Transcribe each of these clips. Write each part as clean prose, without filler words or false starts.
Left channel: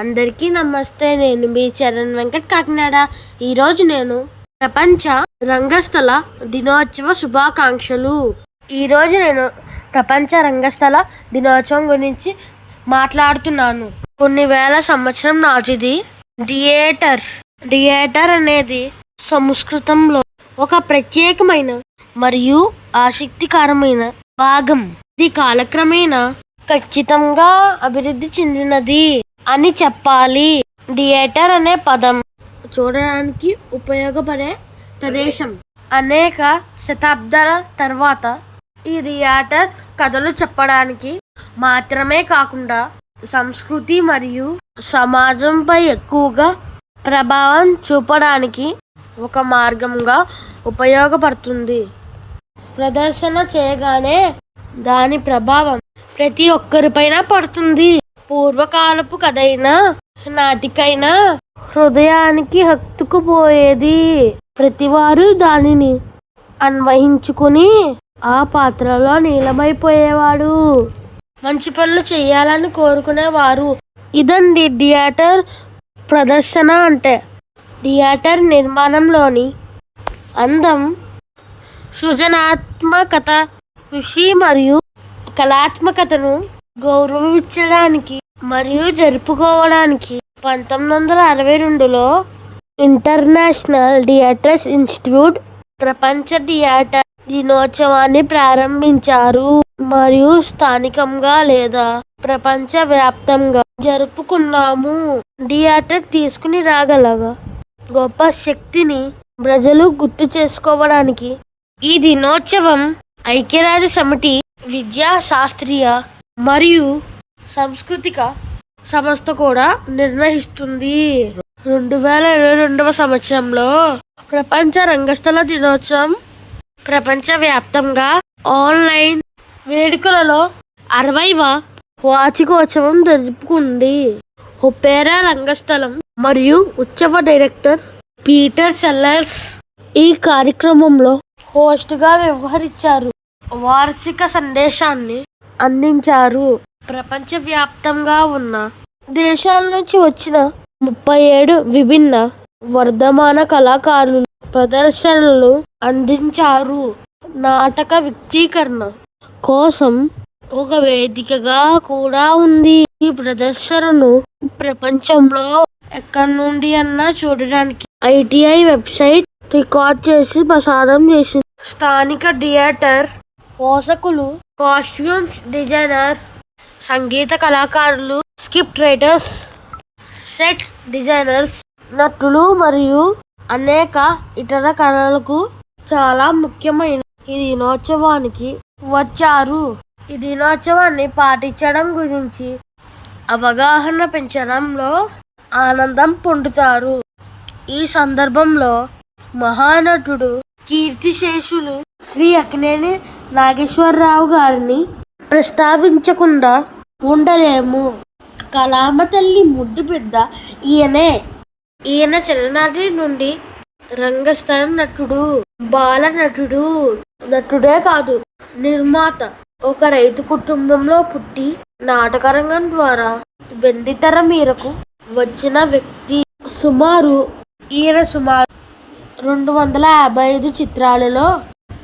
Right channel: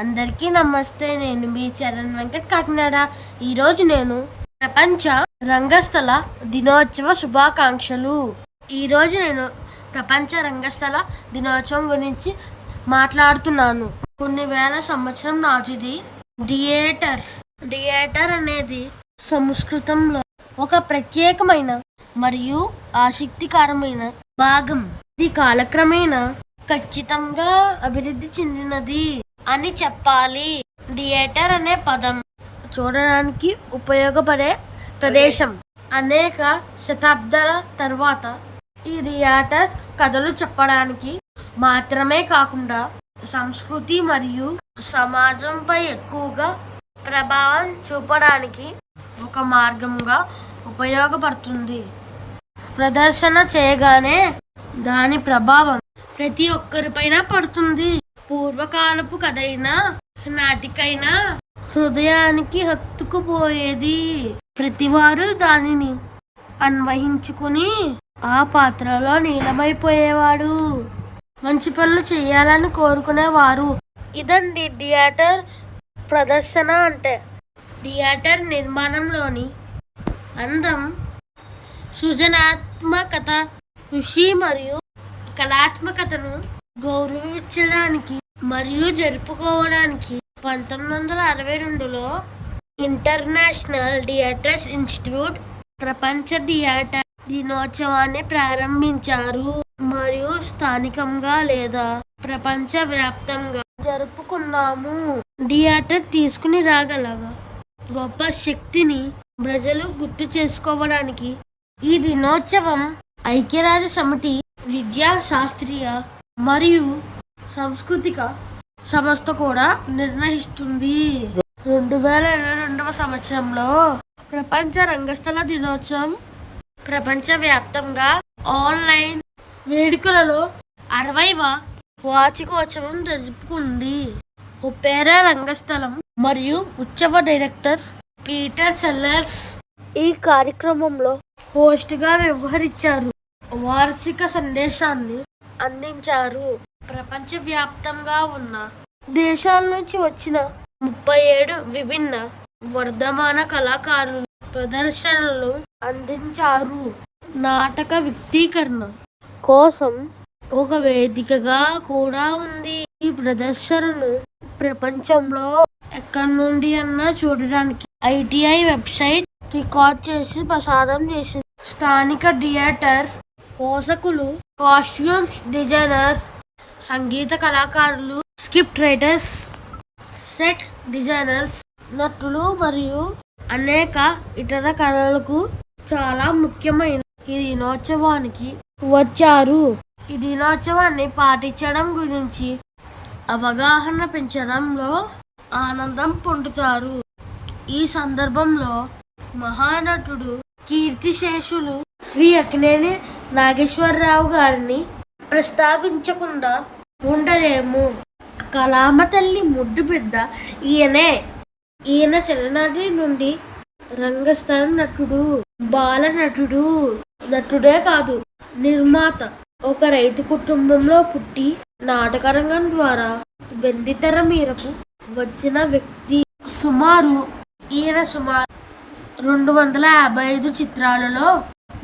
అందరికీ నమస్తే. నేను మీ చరణ్ వెంకట్ కాకినాడ. ఈరోజు నేను ప్రపంచ రంగస్థల దినోత్సవ శుభాకాంక్షలు. ఈరోజు నేను ప్రపంచ రంగస్థల దినోత్సవం గురించి మాట్లాడుతున్నాను. కొన్ని వేల సంవత్సరం నాటిది. థియేటర్ అనేది సంస్కృతంలో ఒక ప్రత్యేకమైన మరియు ఆసక్తికరమైన భాగం. ఇది కాలక్రమేణా ఖచ్చితంగా అభివృద్ధి చెందినది అని చెప్పాలి. థియేటర్ అనే పదం చూడడానికి ఉపయోగపడే ప్రదేశం. అనేక శతాబ్దాల తర్వాత ఈ థియేటర్ కథలు చెప్పడానికి మాత్రమే కాకుండా సంస్కృతి మరియు సమాజంపై ఎక్కువగా ప్రభావం చూపడానికి ఒక మార్గంగా ఉపయోగపడుతుంది. ప్రదర్శన చేయగానే దాని ప్రభావం ప్రతి ఒక్కరిపైన పడుతుంది. పూర్వకాలపు కథైనా నాటికైనా హృదయానికి హత్తుకుపోయేది. ప్రతివారు దానిని అన్వయించుకుని ఆ పాత్రలో నీలమైపోయేవాడు. మంచి పనులు చేయాలని కోరుకునేవారు. ఇదండి థియేటర్ ప్రదర్శన అంటే. థియేటర్ నిర్మాణంలోని అందం, సృజనాత్మకత, ఋషి మరియు కళాత్మకతను గౌరవించడానికి మరియు జరుపుకోవడానికి 1962లో ఇంటర్నేషనల్ థియేటర్స్ ఇన్స్టిట్యూట్ ప్రపంచ థియేటర్ దినోత్సవాన్ని ప్రారంభించారు మరియు స్థానికంగా లేదా ప్రపంచ వ్యాప్తంగా జరుపుకున్నాము. థియేటర్ తీసుకుని రాగలగా గొప్ప శక్తిని ప్రజలు గుర్తు చేసుకోవడానికి ఈ దినోత్సవం ఐక్యరాజ్య సమితి విద్యా శాస్త్రీయ మరియు సాంస్కృతిక సంస్థ కూడా నిర్వహిస్తుంది. 2022 సంవత్సరంలో ప్రపంచ రంగస్థల దినోత్సవం ప్రపంచవ్యాప్తంగా ఆన్లైన్ వేడుకలలో 60వ వార్షికోత్సవం జరుపుకుంది. ఒపేరా రంగస్థలం మరియు ఉత్సవ డైరెక్టర్ పీటర్ సెల్లర్స్ ఈ కార్యక్రమంలో హోస్ట్గా వ్యవహరించారు. వార్షిక సందేశాన్ని అందించారు. ప్రపంచవ్యాప్తంగా ఉన్న దేశాల నుంచి వచ్చిన 37 విభిన్న వర్ధమాన కళాకారులు ప్రదర్శనలు అందించారు. నాటక వ్యక్తీకరణ కోసం ఒక వేదికగా కూడా ఉంది. ఈ ప్రదర్శనను ప్రపంచంలో ఎక్కడి నుండి అన్నా చూడడానికి ITI వెబ్సైట్ రికార్డ్ చేసి ప్రసారం చేసింది. స్థానిక థియేటర్ పోషకులు, కాస్ట్యూమ్స్ డిజైనర్, సంగీత కళాకారులు, స్క్రిప్ట్ రైటర్స్, సెట్ డిజైనర్స్, నటులు మరియు అనేక ఇతర కళలకు చాలా ముఖ్యమైన ఈ దినోత్సవానికి వచ్చారు. ఈ దినోత్సవాన్ని పాటించడం గురించి అవగాహన పెంచడంలో ఆనందం పొందుతారు. ఈ సందర్భంలో మహానటుడు కీర్తిశేషులు శ్రీ అక్కినేని నాగేశ్వరరావు గారిని ప్రస్తావించకుండా ఉండలేము. కళామ తల్లి ముద్దు బిడ్డ ఈయనే. ఈయన చిన్ననాటి నుండి రంగస్థల నటుడు, బాల నటుడే కాదు, నిర్మాత. ఒక రైతు కుటుంబంలో పుట్టి నాటకరంగం ద్వారా వెండితెర మీదకు వచ్చిన వ్యక్తి. ఈయన సుమారు 255 చిత్రాలలో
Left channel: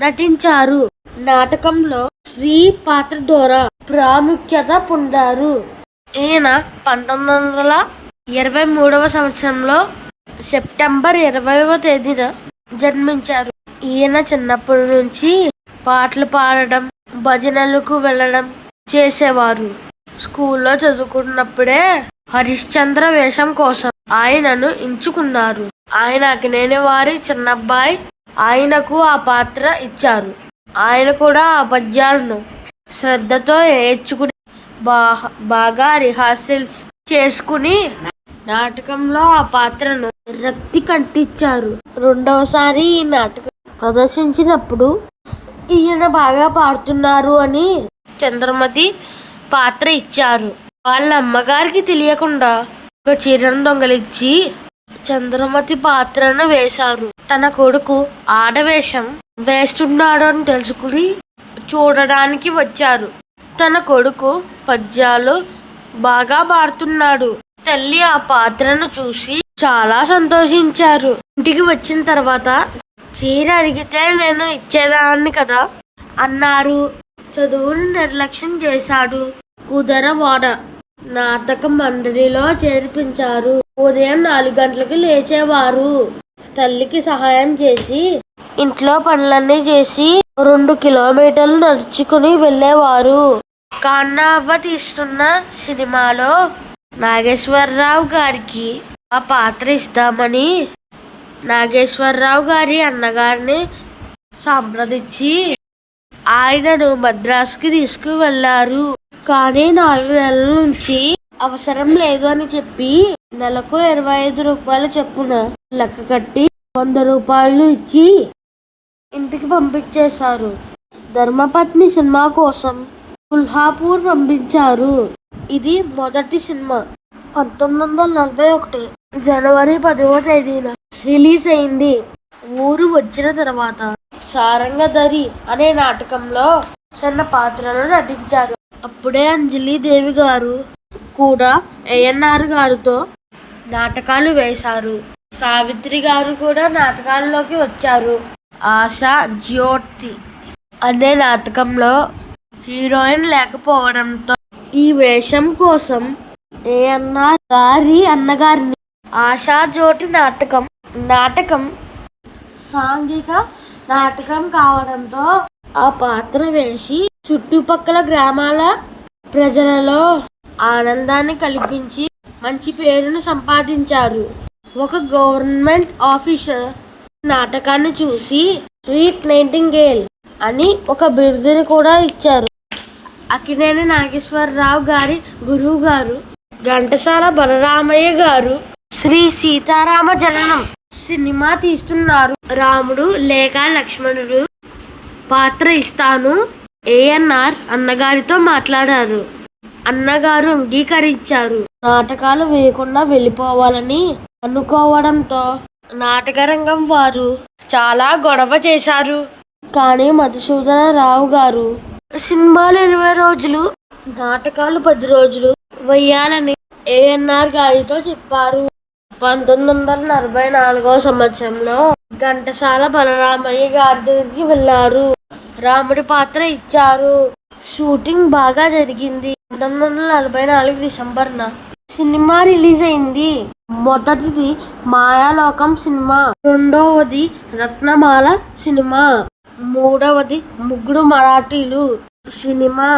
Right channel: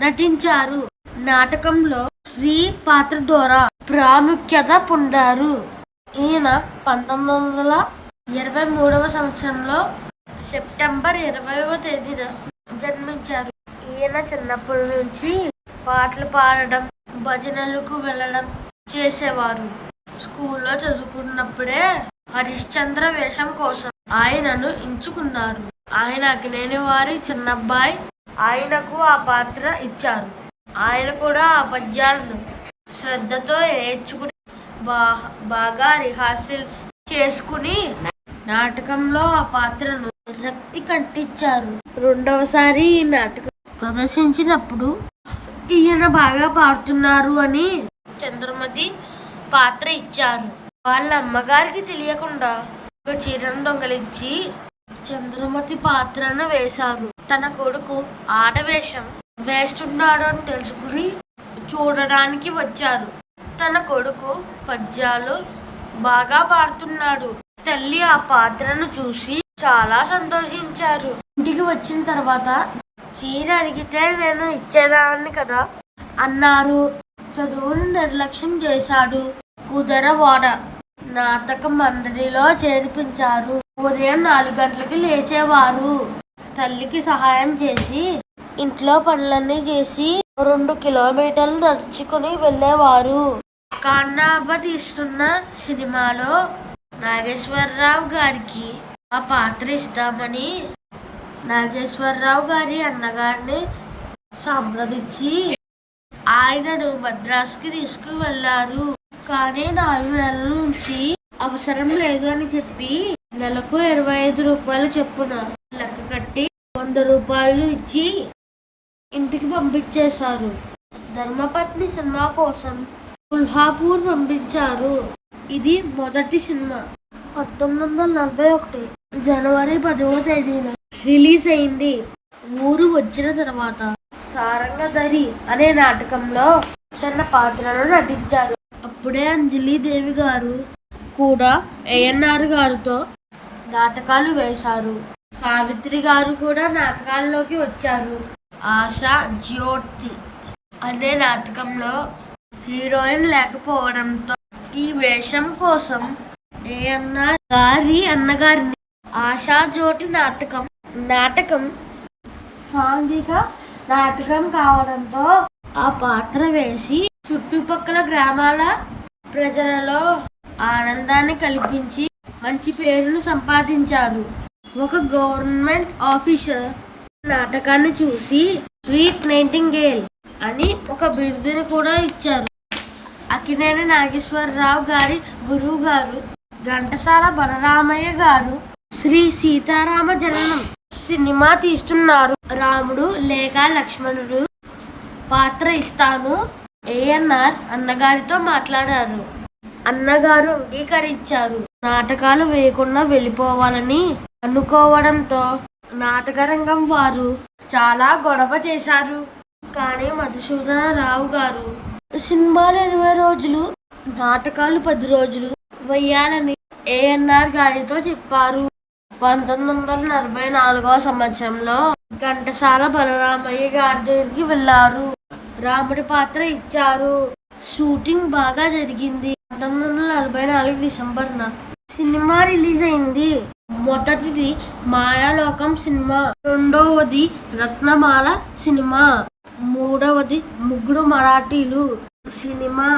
నటించారు. నాటకంలో స్త్రీ పాత్ర ద్వారా ప్రాముఖ్యత పొందారు. ఈయన 1923 సంవత్సరంలో సెప్టెంబర్ 20వ తేదీన జన్మించారు. ఈయన చిన్నప్పటి నుంచి పాటలు పాడడం, భజనలకు వెళ్ళడం చేసేవారు. స్కూల్లో చదువుకున్నప్పుడే హరిశ్చంద్ర వేషం కోసం ఆయనను ఎంచుకున్నారు. ఆయన అక్కినేని వారి చిన్నబ్బాయి. ఆయనకు ఆ పాత్ర ఇచ్చారు. ఆయన కూడా ఆ పద్యాలను శ్రద్ధతో నేర్చుకుని బాగా రిహార్సల్స్ చేసుకుని నాటకంలో ఆ పాత్రను రక్తి కట్టించారు. రెండవసారి ఈ నాటకం ప్రదర్శించినప్పుడు ఈయన బాగా పాడుతున్నారు అని చంద్రమతి పాత్ర ఇచ్చారు. వాళ్ళ అమ్మగారికి తెలియకుండా ఒక చీరను దొంగలించి చంద్రమతి పాత్రను వేశారు. తన కొడుకు ఆడవేషం వేస్తున్నాడు అని తెలుసుకుని చూడడానికి వచ్చారు. తన కొడుకు పద్యాలు బాగా పాడుతున్నాడు తల్లి ఆ పాత్రను చూసి చాలా సంతోషించారు. ఇంటికి వచ్చిన తర్వాత చీర అడిగితే నేను ఇచ్చేదాన్ని కదా అన్నారు. చదువును నిర్లక్ష్యం చేశాడు. కుదరవాడ నాటక మండలిలో చేర్పించారు. ఉదయం 4 గంటలకి లేచేవారు. తల్లికి సహాయం చేసి ఇంట్లో పనులన్నీ చేసి 2 కిలోమీటర్లు నడుచుకుని వెళ్ళేవారు. కన్నబ్బ తీస్తున్న సినిమాలో నాగేశ్వరరావు గారికి ఆ పాత్ర ఇస్తామని నాగేశ్వరరావు గారి అన్నగారిని సంప్రదించి ఆయనను మద్రాసుకి తీసుకువెళ్లారు. కానీ 4 నెలల నుంచి అవసరం లేదు అని చెప్పి నెలకు 25 రూపాయల చొప్పున లెక్క కట్టి 100 రూపాయలు ఇచ్చి ఇంటికి పంపించేశారు. ధర్మపత్ని సినిమా కోసం కొల్హాపూర్ పంపించారు. ఇది మొదటి సినిమా. 1941 జనవరి 10వ తేదీన రిలీజ్ అయింది. ఊరు వచ్చిన తర్వాత సారంగధరి అనే నాటకంలో చిన్న పాత్రలో నటించారు. అప్పుడే అంజలీదేవి గారు కూడా ఏఎన్ఆర్ గారితో నాటకాలు వేశారు. సావిత్రి గారు కూడా నాటకాల్లోకి వచ్చారు. ఆశా జ్యోతి అనే నాటకంలో హీరోయిన్ లేకపోవడంతో ఈ వేషం కోసం ఏఎన్ఆర్ గారి అన్నగారిని ఆశా జ్యోతి నాటకం సాంఘిక నాటకం కావడంతో ఆ పాత్ర వేసి చుట్టుపక్కల గ్రామాల ప్రజలలో ఆనందాన్ని కల్పించి మంచి పేరును సంపాదించారు. ఒక గవర్నమెంట్ ఆఫీసర్ నాటకాన్ని చూసి స్వీట్ నైటింగేల్ అని ఒక బిరుదుని కూడా ఇచ్చారు. అక్కినేని నాగేశ్వరరావు గారి గురువు గారు ఘంటసాల బలరామయ్య గారు శ్రీ సీతారామ జననం సినిమా తీస్తున్నారు. రాముడు లేక లక్ష్మణుడు పాత్ర ఇస్తాను ఏఎన్ఆర్ అన్నగారితో మాట్లాడారు. అన్నగారు అంగీకరించారు. నాటకాలు వేయకుండా వెళ్ళిపోవాలని అనుకోవడంతో నాటకరంగం వారు చాలా గొడవ చేశారు. కానీ మధుసూదన రావు గారు సినిమాలు 20 రోజులు నాటకాలు 10 రోజులు వేయాలని ఏఎన్ఆర్ గారితో చెప్పారు. 1944వ సంవత్సరంలో ఘంటసాల బలరామయ్య గారి దగ్గరికి వెళ్ళారు. రాముడి పాత్ర ఇచ్చారు. షూటింగ్ బాగా జరిగింది. 1944 డిసెంబర్న సినిమా రిలీజ్ అయింది. మొదటిది మాయాలోకం సినిమా, రెండవది రత్నమాల సినిమా, మూడవది ముగ్గురు మరాఠీలు సినిమా.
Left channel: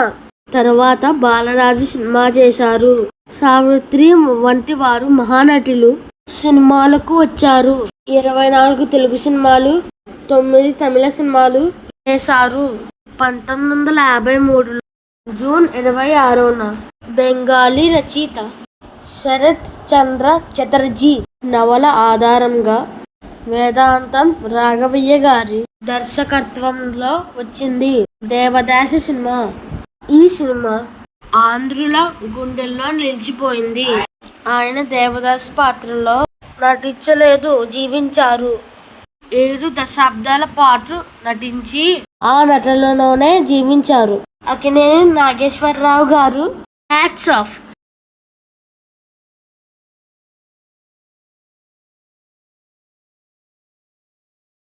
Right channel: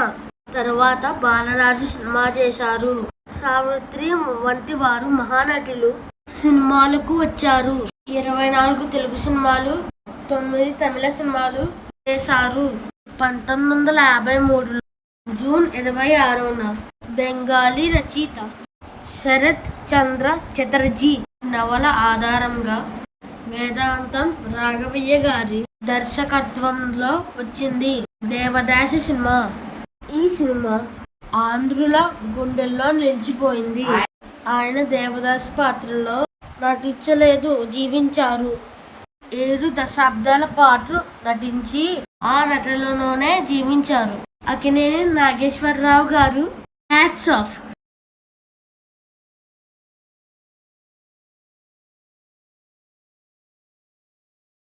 తర్వాత బాలరాజు సినిమా చేశారు. సావిత్రి వంటి వారు మహానటులు సినిమాలకు వచ్చారు. 24 తెలుగు సినిమాలు, 9 తమిళ సినిమాలు చేశారు. 1953 జూన్ 26న బెంగాలీ రచయిత శరత్ చంద్ర చటర్జీ నవల ఆధారంగా వేదాంతం రాఘవయ్య గారి దర్శకత్వంలో వచ్చింది దేవదాసి సినిమా. ఈ సినిమా ఆంధ్రుల గుండెల్లో నిలిచిపోయింది. ఆయన దేవదాసి పాత్రలో నటించలేదు, జీవించారు. 7 దశాబ్దాల పాటు నటించి ఆ నటనలోనే జీవించారు. అక్కినేని నాగేశ్వరరావు గారు హ్యాట్స్ ఆఫ్.